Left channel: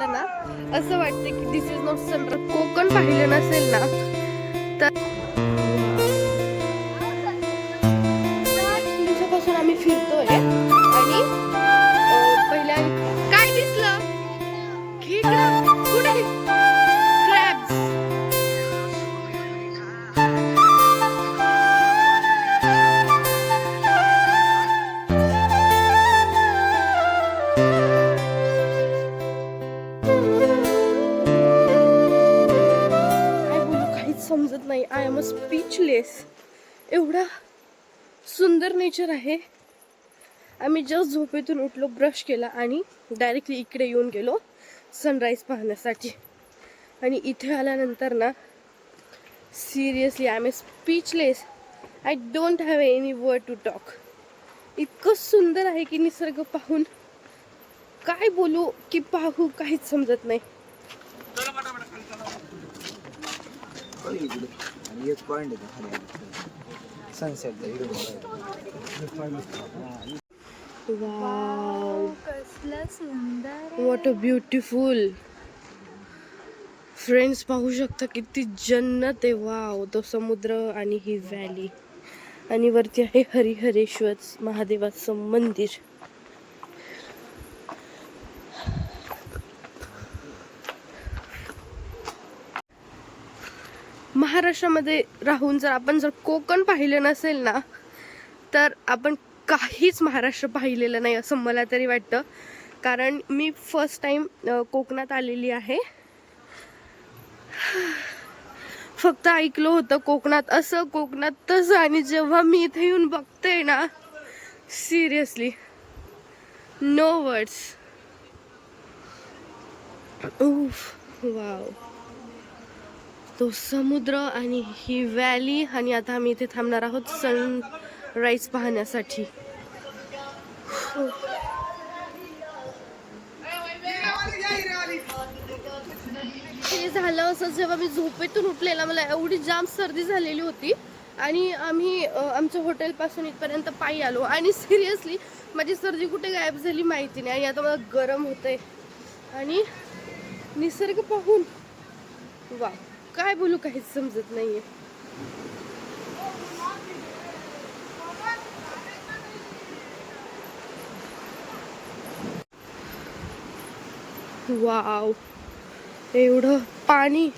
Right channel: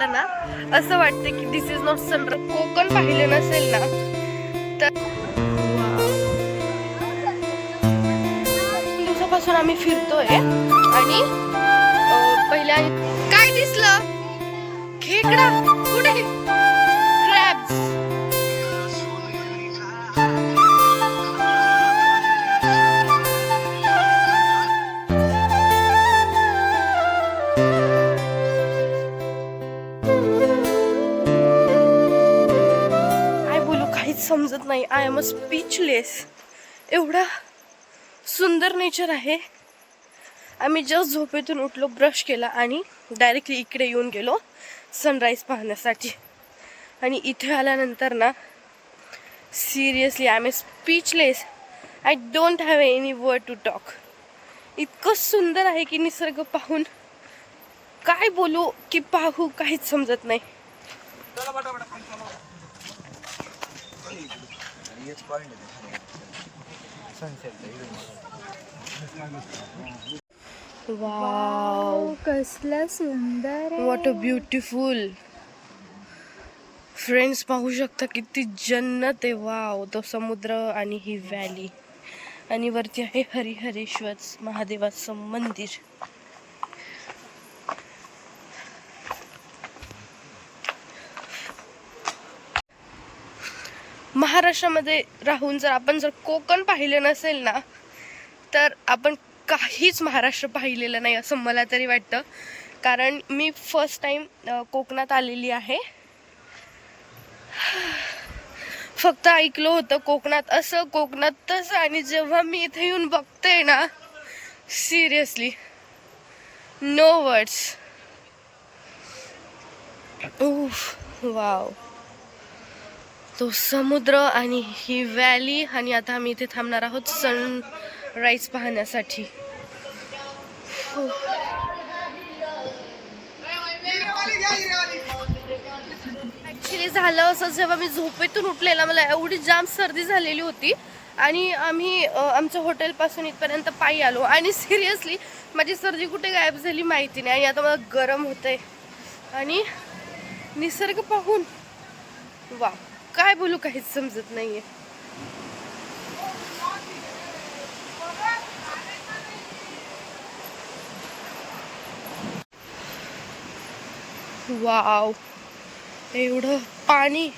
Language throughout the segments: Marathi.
बघायला ना असं वाटतं की दिस इज नॉट सनराइज. कोकण पाहिलं नसेल ना तर दिवसापासून आम्ही फिरतोय आणि पहिल्या काय दिसलं खेकडा कुठे क्रॅब्स. समजत नाही. I am a speechless. एवढा सुंदर नेचर आहे. आम्ही जस्ट झोपेतून उठलो, ब्रश केला आणि डायरेक्टली इकडे येऊन गेलो सनराईज पाहण्यासाठी. आणि इथे आल्यानंतर ना seriously I am a speechless. I don't have any word to talk. इतकं सुंदर आहे की निसर्ग पाहून काय बोलू की पाहू काहीच समजत नाही. वाव, कसलं सुंदर. What a beautiful. फ्रेंड्स पाहू शकता किती जन्नत आहे. वाव, तो समुद्र आणि ही व्हॅली आणि वरती आहे हरिहरेश्वर महादेवाचं मंदिर. महाराष्ट्रामध्ये राहून जर कोकण पाहिलं नसेल ना तर आपण काहीच महाराष्ट्र पाहिलेलं नाही असं मला तरी वाटतं. कारण मी फर्स्ट टाइम कोकणात आलेली आहे. फक्त ऐकलं होतं कोकणात असं कोकणात तसं, आणि जेव्हा मी इथे येऊन बघते ना सिरियसली नो वर्ड्स. उफ, वाव, तो समुद्र आणि ही व्हॅली. आणि आता आम्ही इथे थांबणार आहोत सनराईज पाहण्यासाठी. ऍक्च्युली झालं असं, जेव्हा मी झोपेतून उठलेला मला एवढी जाम सर्दी झालेली होती आणि आम्ही आमच्या हॉटेलपासून इथपर्यंत पायी आलो आणि सिरियसली माझी सर्दी कुठे गायब झाली माहिती नाही. आणि आता मला गरम होतंय आणि निसर्ग पाहून वा काय बोलू काहीच समजत नाहीये. वाव, एवढं पाणी.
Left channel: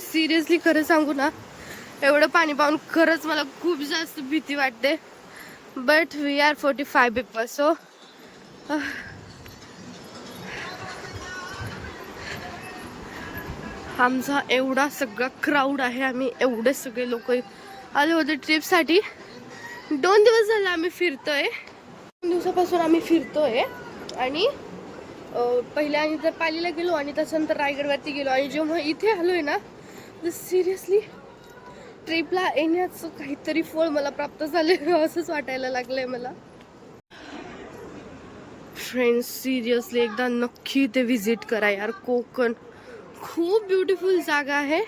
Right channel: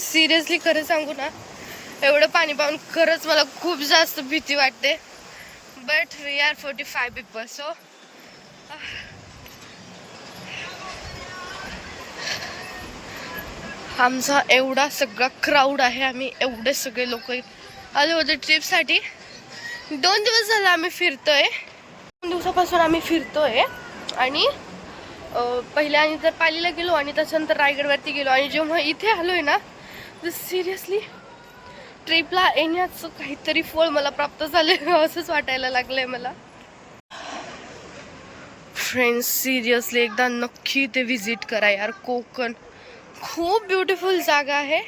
सिरियसली खरं सांगू ना, एवढं पाणी पाहून खरंच मला खूप जास्त भीती वाटते. But we are 45 people so आमचा एवढा सगळा क्राऊड आहे. आम्ही एवढे सगळे लोक आले होते ट्रिपसाठी. 2 दिवस झाले आम्ही फिरतोय. 2 दिवसापासून आम्ही फिरतोय आणि पहिल्या आणि तर पालीला गेलो आणि त्याच्यानंतर रायगडवरती गेलो. आणि जेव्हा इथे आलोय ना तर सिरियसली ट्रिपला येण्याचं काहीतरी फळ मला प्राप्त झाले असंच वाटायला लागलंय मला. फ्रेंड्स, सिरियसली एकदा नक्की ते व्हिजिट करा यार. कोकण खूप ब्युटिफुल जागा आहे.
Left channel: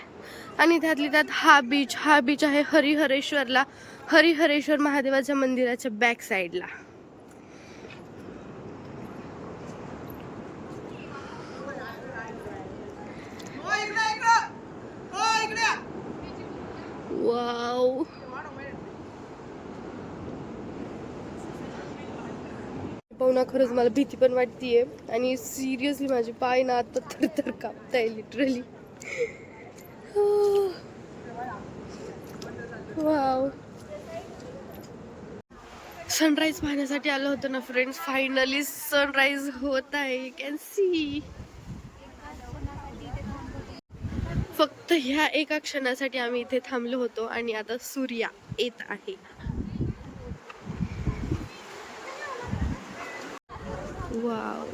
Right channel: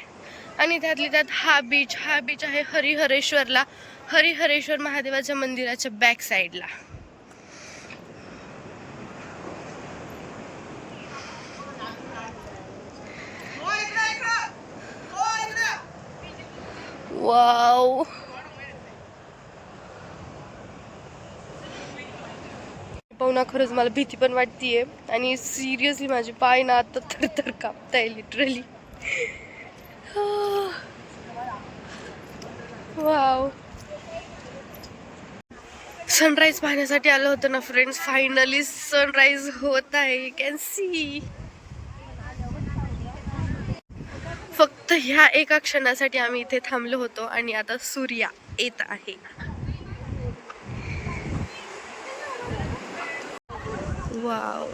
आणि त्यातली त्यात हा बीच आहे हरिहरेश्वरला, हरिहरेश्वर महादेवाच्या मंदिराच्या बॅक साईडला. वाव, पाहुणा खरंच मला भीती पण वाटतीये. आणि सिरियसली माझे पाय ना आता थरथर कापताय लिटरली. वाव, सनराईज पाहण्यासाठी आलं होतं ना फ्रेंड्स. फायनली सनराईज होत आहे. You can see. फक्त ह्या एका क्षणासाठी आम्ही इथे थांबलो होतो आणि आता सूर्य येत आहे. वाव,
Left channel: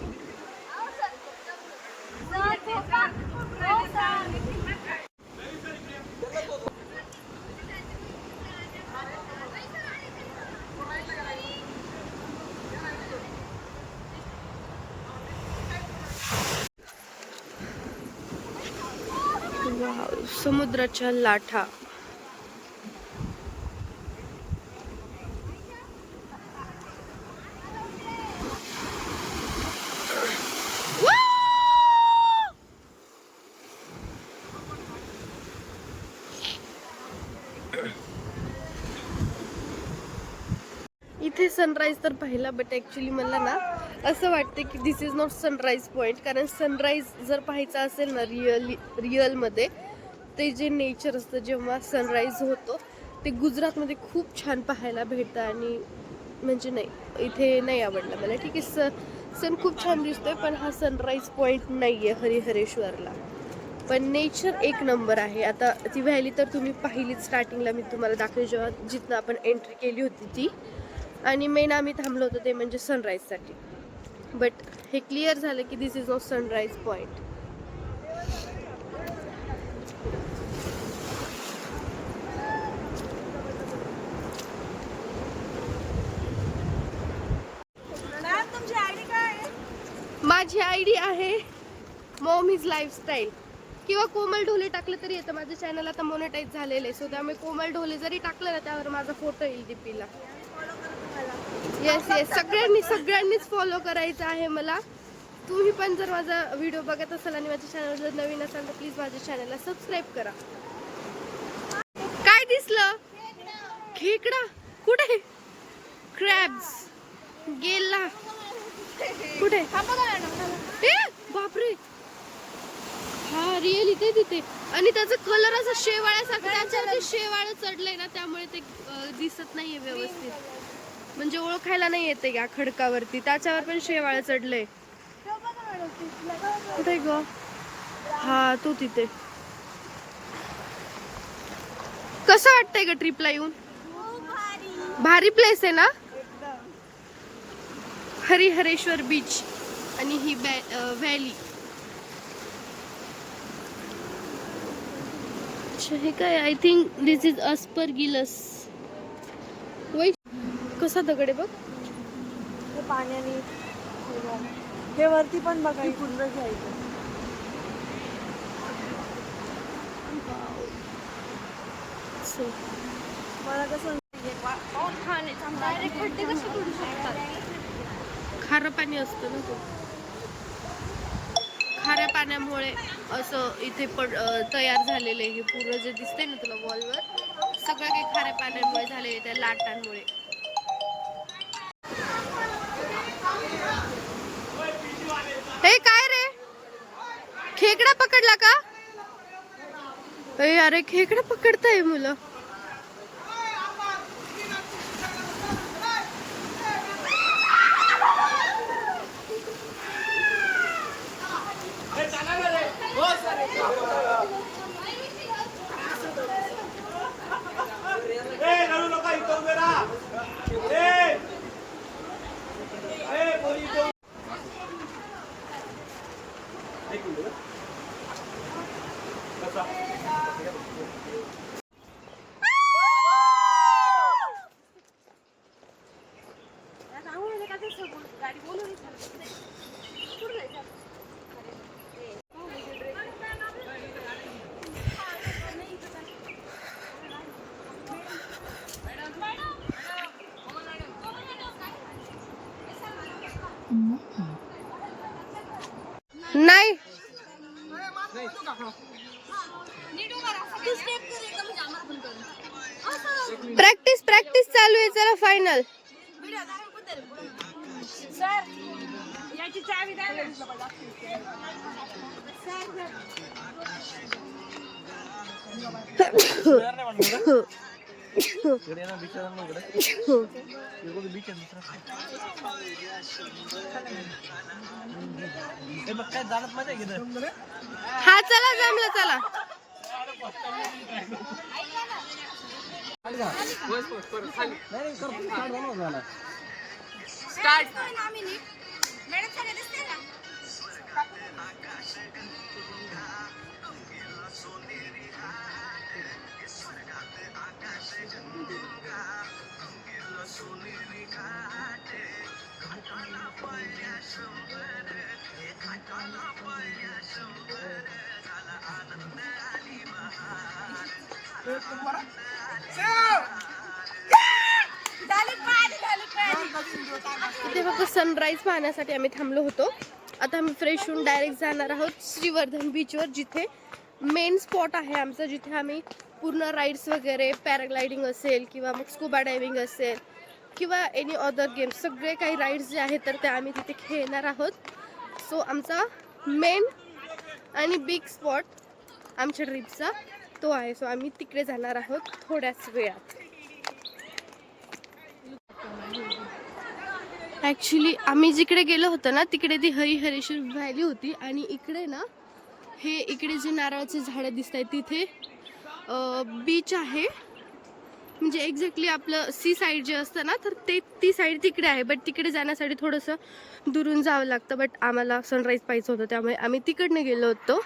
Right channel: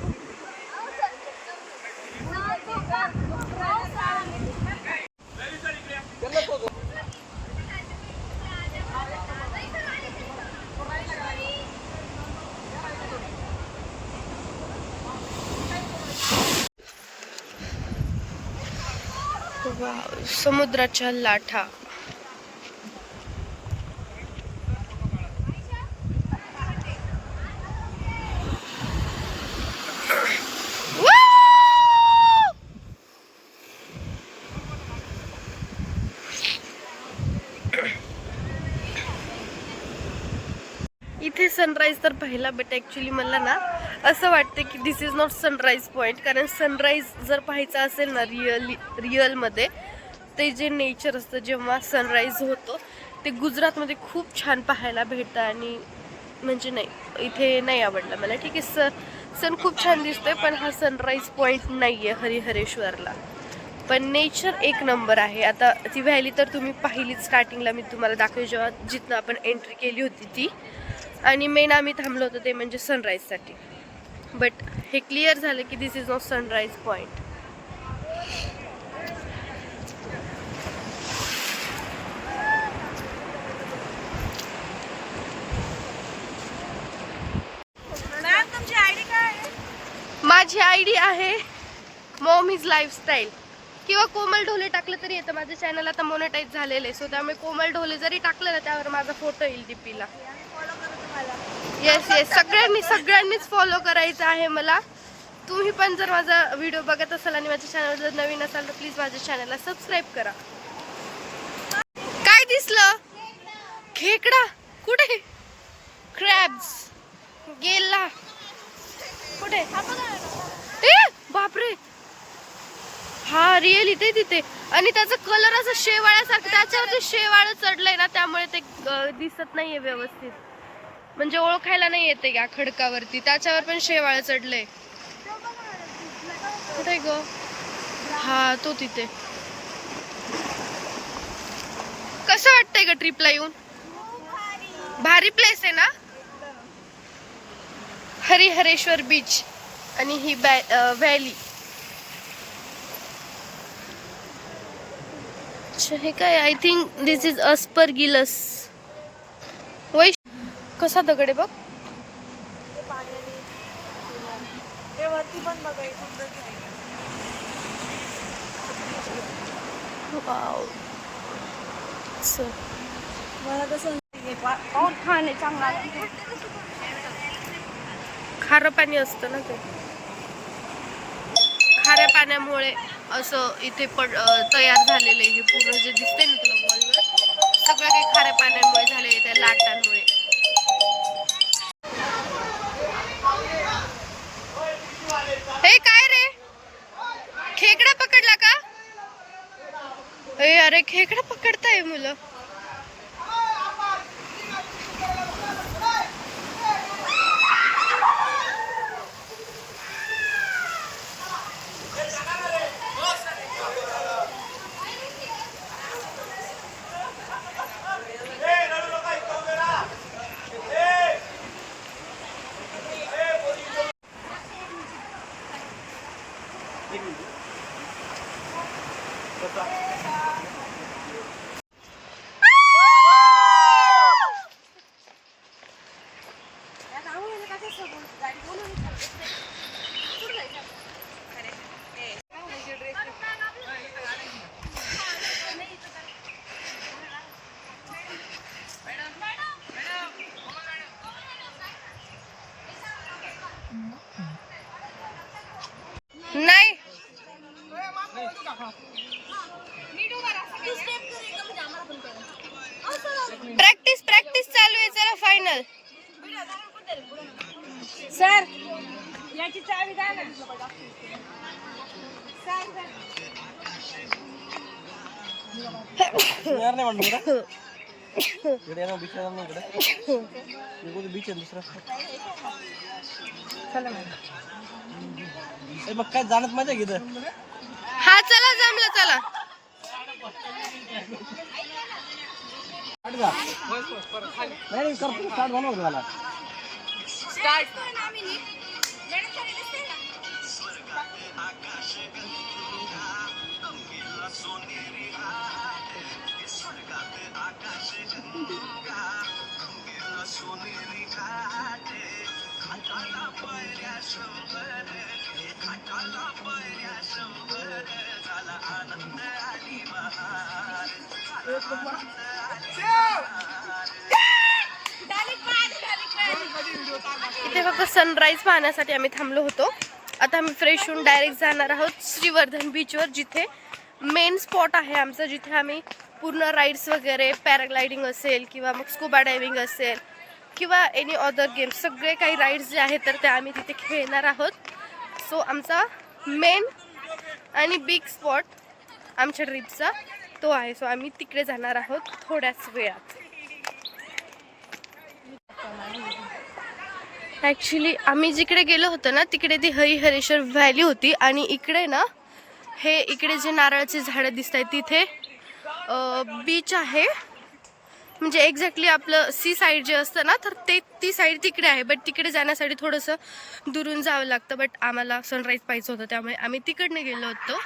वाव, समुद्राच्या लाटा. इथे सनराईज तर पाहिला, बट ॲक्च्युली मला ना असं वाटतं की दिस इज नॉट सनराईज पॉईंट. कारण सनराईज जर पाहायचं असेल ना रिअलमध्ये, ते जे नेचर असतं जेव्हा सनराईज होतो ते गुजरातमध्ये खूप छान पाहायला भेटतं. आणि म्हणजे नाही, इथे नाही आवडलं मला. ठीक आहे, सन खूप छान दिसतोय, पण हा सनराईज पॉईंट नाही आहे हरिहरेश्वरला. पण नेचर एक नंबर आहे. आता ती व्हॅली तर तुम्ही पाहिलीच, स्टार्टिंगला मी तुम्हाला दाखवली जेव्हा जिथनं आपण एंट्री केली होती ती. आणि मेन आम्ही थांबलो होतो ते म्हणजे सनराईजसाठी. बट हे क्लिअर झालं की दिस इज नॉट सनराईज पॉईंट. माझी आयडी आहे मॉमीज लाईफस्टाईल, किंवा कोमल ढोले टाकलं तरी येतं. माझं चॅनल आता मोनेटाईज झालेलं आहे, सो त्यामुळे कोमल ढोले जरी टाकलं ना त्यावर माझा फोटो येईल डीपीला. येस येस, सगळ्यांनीच फॉलो करायचं आहे मला. तुम्ही पण जर माझा व्हिडिओ बघत असाल आणि माझ्या चॅनलवर जर नवीन असाल तर प्लीज माझ्या चॅनलला सबस्क्राईब करा. काय दिसलं? खेकडा? कुठे? क्रॅब्स गेला कुठे? ए बापरे, हा रिअल इथे तिथे. आणि त्याचा कलर असा शेवाळ्यासारखा, त्याच्यावरती शेवाळ चढलंय ना त्यामुळे ते दिसत नाहीये व्यवस्थित. म्हणजे ओळखायला नाही येते या खडकावरती, त्याच्यावर पण शेवाळ चढलंय. कुठे ग? हा तो तिथे. कसं वाटतंय ग ट्रिपला येऊन? भारी प्लेस आहे ना हरिहरेश्वर बीच आणि ही व्हॅली. हे काय? I think this is aspergillus. वैश कसा दगड आहे बघ. वाव. खारं पाणी असतं ना ते, खाऱ्या पाण्यामुळे असं इथे तयार झालेलं आहे. हे पूर्ण जे दिसतंय ना तुला वॉलवर, सगळं काही खाऱ्या पाण्यामुळे झालेलं आहे, त्या लाटांमुळे. हे काय रे, खेकडा पकडला का? अरे खेकडा पकडताय मुलं. नाही प्रॅक्टिस चालू आहे. चला फायनल. सर याची चावी द्या ना. काय जाणत माझ्या घेत. हा चला जमलं, चला. इथे फक्त सनराईज पाहण्यासाठी आम्ही थांबलो होतो. आता आम्ही फ्रेश होऊन डायरेक्ट जाणार आहोत श्रीवर्धन बीचवर, जिथे मेन स्पॉट आहे आमचं, जिथे आम्ही पूर्ण राईड्स वगैरे, पॅराग्लायडिंग असेल किंवा मग स्कुबा डायव्हिंग असेल, किंवा एनी अदर गेम, सगळे काही राईड्स जे आहेत तर ते आम्ही तिथे खेळणार आहोत. सो आमचा मेन आणि बिग स्पॉट आमच्या ट्रिपचा तो आहे. सो आम्ही तिकडे जाणार आहोत थोड्याच वेळात. ॲक्च्युली आम्ही जिकडे गेलो होतो ना तिकडे ती हरिहरेश्वर व्हॅली होती आणि इकडे ना हे इकडे जे नारळाचे झाडं दिसत आहेत तिथे बीच आहे. म्हणजे एक्झॅक्टली आपलं सी साईड जे असतं ना तर ते ती साईड तिकडे आहे. बट तिकडे जाण्यासाठी थोडंसं दुरून जावं लागतं. बट आम्हाला सनराईज पाहिजे होतं त्यामुळे आम्ही तिकडनं गेलो होतो.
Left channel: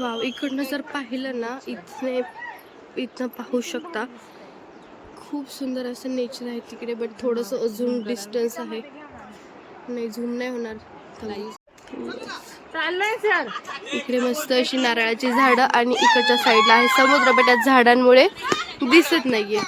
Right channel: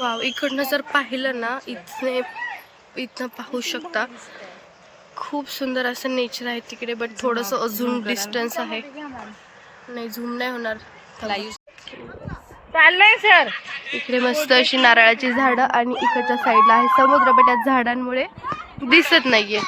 वाव, इकडनं जर पाहिलं ना इथनं पाहू शकता खूप सुंदर असं नेचर आहे तिकडे. बट थोडंसं अजून डिस्टन्स आहे. नाही, झूम नाही होणार. चाललंय सर. इकडे मस्त अशी नारळाची झाडं आणि इकडच्या साईडला आहे समुद्र. बट या झाडांमुळे दिसत नाहीये.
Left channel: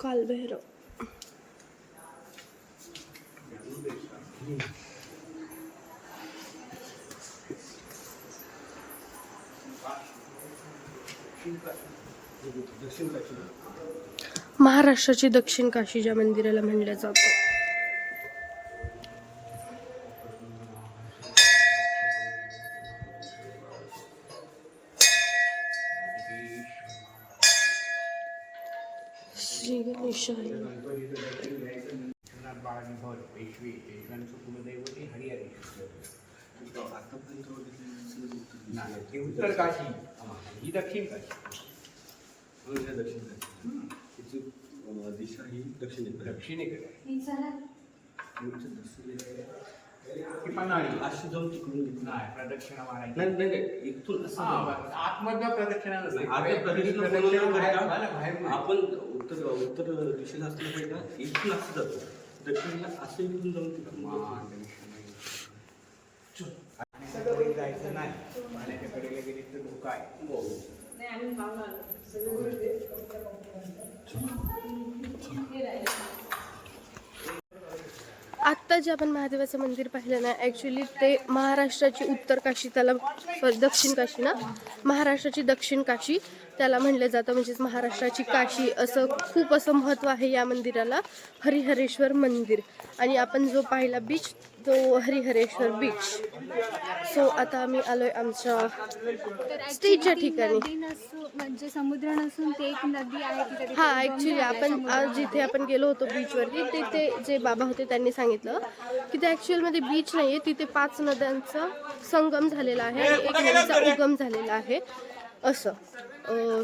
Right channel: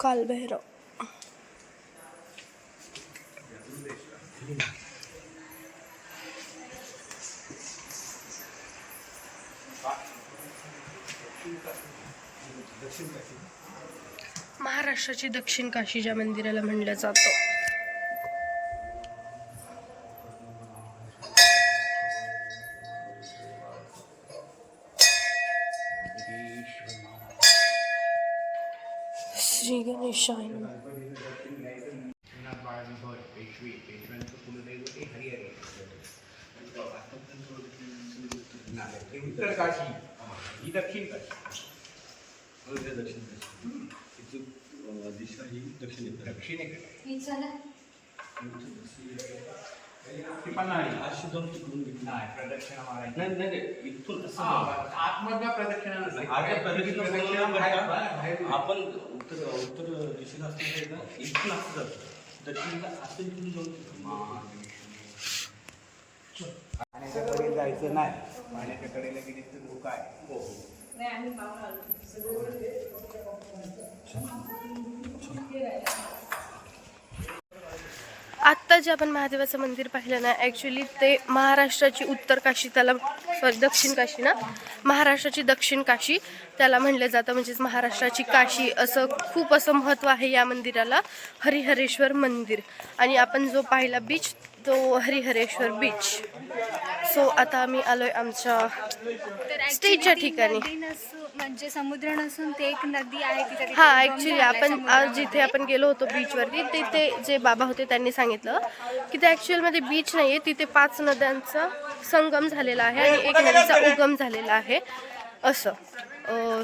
कालभैरव. महाराष्ट्राची दक्षिण काशी ज्या मंदिराला म्हणलं जातं. श्री गणेशाय. उत्तर काशी ही दक्षिण काशी. दिशा ही दक्षिणेकडे. प्रदक्षिणा मारायची नाही. इथून आतमधल्या प्रदक्षिणा नसते. आपण उत्तर दिशेला असलेलं ना इथून असं जातो. दक्षिणेला असं इथून जाऊन पाण्याच्याकडे जायचं नाही. पाण्याच्या कडेला गेली तर धोका आहे. आत्ता जे आपण महादेवाचं मंदिर पाहिलं ना ॲक्च्युली ते महाराष्ट्राची उत्तर काशी, त्याला दक्षिण काशी ना, महाराष्ट्राची दक्षिण काशी त्याला म्हणलं जातं. म्हणजेच महाराष्ट्राची काशी असं खूप असं महत्त्व आहे या मंदिराला. हरिहरेश्वर मंदिर. आणि आपण जो पाहिला बीच तो हरिहरेश्वर बीच. सो आता आम्ही आलोय आमच्या स्टेच्या ठिकाणी. म्हणजे समुद्र नसून ते एक नदी आहे तिथे. हा, ॲक्च्युली आपण आज जिथे आपण गेलो होतो बीचवरती तिथे जे बाबा होते त्यांनी सांगितलं की ते ॲक्च्युअलमध्ये बीच नाही आहे. तिथे 5 नद्यांचा संगम झालेला आहे आणि एक नदीचा उगम झालेला आहे असं.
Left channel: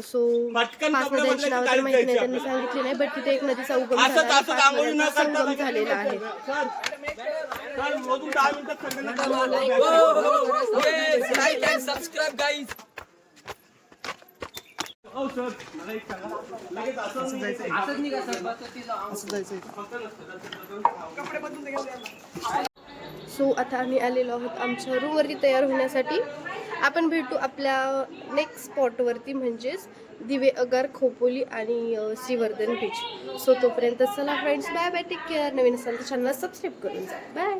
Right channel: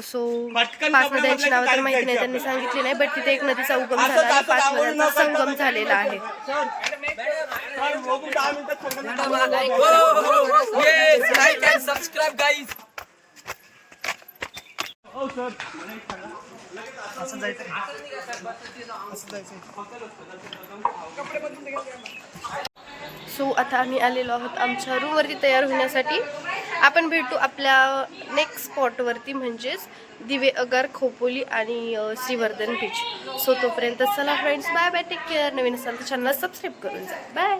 सो 5 नद्यांची नावं तर माहिती नाही, त्यांनी सांगितली नाही. बट तिथे एक नदीचा उगम झाला आणि 5 नद्यांचा संगम झालेला आहे. सो आता आम्ही आलेलो आहोत आमच्या रूमवरती तयार होण्यासाठी. आपण भेटू आपल्या नेक्स्ट स्पॉटवरती म्हणजेच दिवे अगार, खोपोली आणि श्रीवर्धन बीच. सो तोपर्यंत चला friends, bye bye, take care. नवीन असाल तर चॅनलला सबस्क्राईब करून जा. बाय.